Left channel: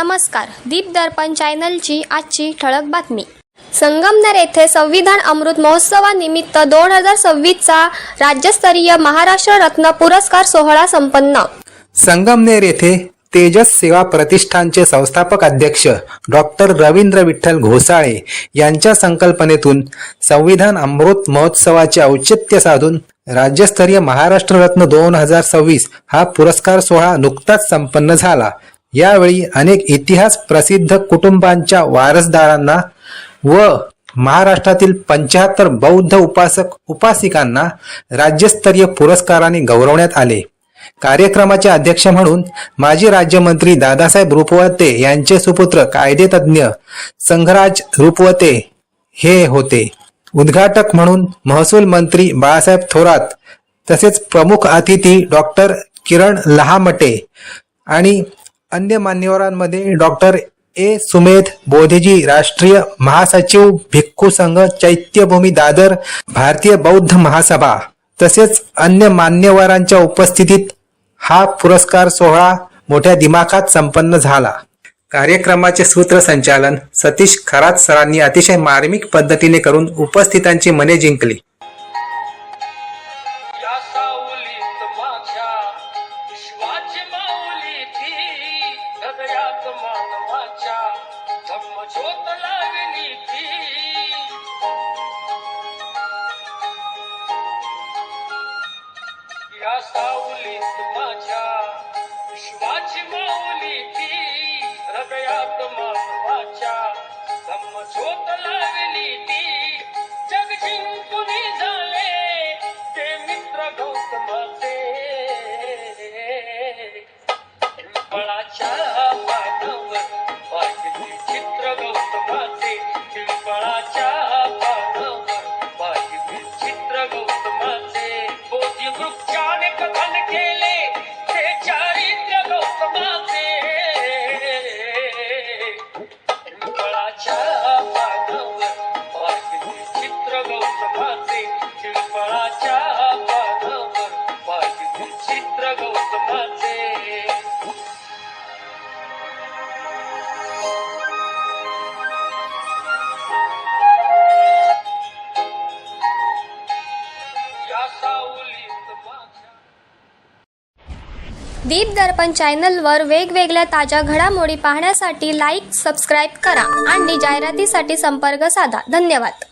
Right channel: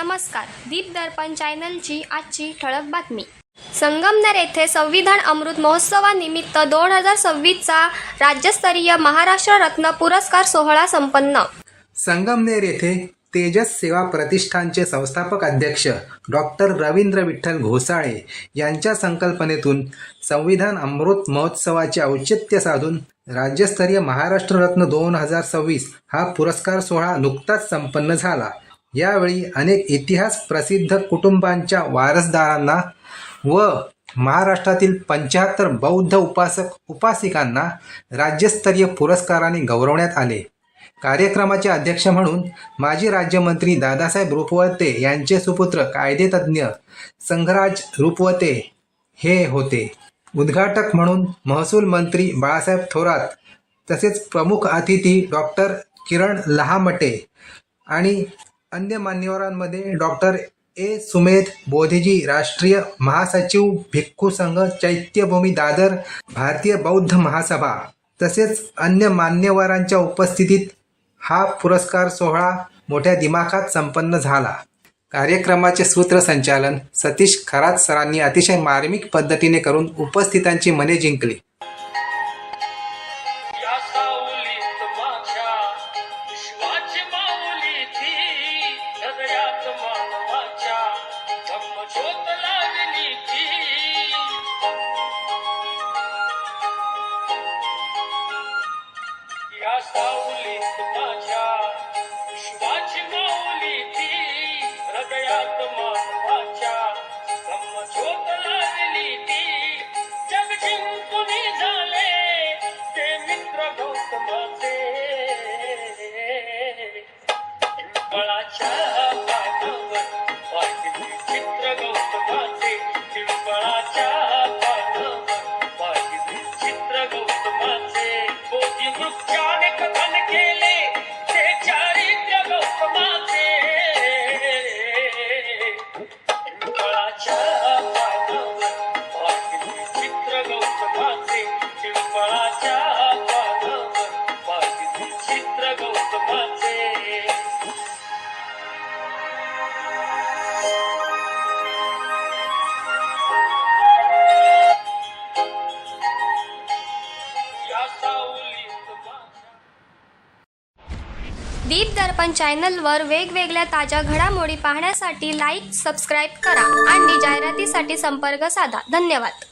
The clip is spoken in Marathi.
नमस्कार. दीप दर्पण चॅनलची आजची ठळक बातमी. संगमनेर येथे संविधान अमृत महोत्सवानिमित्त 2026चा राज्यस्तरीय महाराष्ट्र रत्न पुरस्कार सोहळा संपन्न. संगमनेर येथे तेजस सेवा प्रतिष्ठानचे संस्थापक अध्यक्ष डॉक्टर रवींद्र विठ्ठल घोसाळे यांच्या संकल्पनेतून संविधान अमृत महोत्सवाचे औचित्य साधून राज्यस्तरीय महाराष्ट्र रत्न 2026 हा पुरस्कार सोहळा नुकताच संपन्न झाला. यावेळी अनेक इतिहास प्रसिद्ध कुटुंबांच्या वारसदारांना व महाराष्ट्रातील 75 बौद्ध उपासक उपासिकांना राज्यस्तरीय पुरस्काराने गौरवण्यात आले. कार्यक्रमाचे अध्यक्ष म्हणून माजी राज्यमंत्री दादासाहेब रुपवते यांचे सुपुत्र कायदेतज्ञ संघराज रुपवते हे होते. उद्घाटक म्हणून महसूल मंत्री बाळासाहेब थोरात तसेच प्रमुख अतिथी डॉक्टर किरण लहामटे आणि अन्य मान्यवरांमध्ये डॉक्टर ए सुमेध बोधेजी, राष्ट्रीय महासचिव भिक्खू संघ चैत्यभूमी दादर, भारतीय बौद्ध महासभा तसेच अन्य मान्यवरांच्या उपस्थितीत हा पुरस्कार सोहळा मोठ्या दिमाखात संपन्न झाला. कार्यक्रमाचे सूत्रसंचालन सतीश खरात सरांनी अतिशय मार्मिक पद्धतीने करून उपस्थितांची मने जिंकली. या सावलीत माझ्या विश्वाची माऊली ती, हृदयात मानवाच्या ब्रह्मज्योत लागली ती. जग जिंकून झाले ते मित्र गौतमाचे, पिंपळाच्या पानावर पाहिली चित्र गौतमाचे, पिंपळाच्या पानावर पाहिली चित्र गौतमाचे. बोधी वृक्षाने कथन केले ते चारित्र्य गौतमाचे, पिंपळाच्या पानावर पाहिली चित्र गौतमाचे, पिंपळाच्या पानावर पाहिली चित्र गौतमाचे. दीप दर्पण चॅनलवर वेगवेगळ्या ताज्या घडामोडी पाहण्यासाठी लाईक, सबस्क्राईब करा आणि जाहिरातीसाठी संपर्क साधा. धन्यवाद.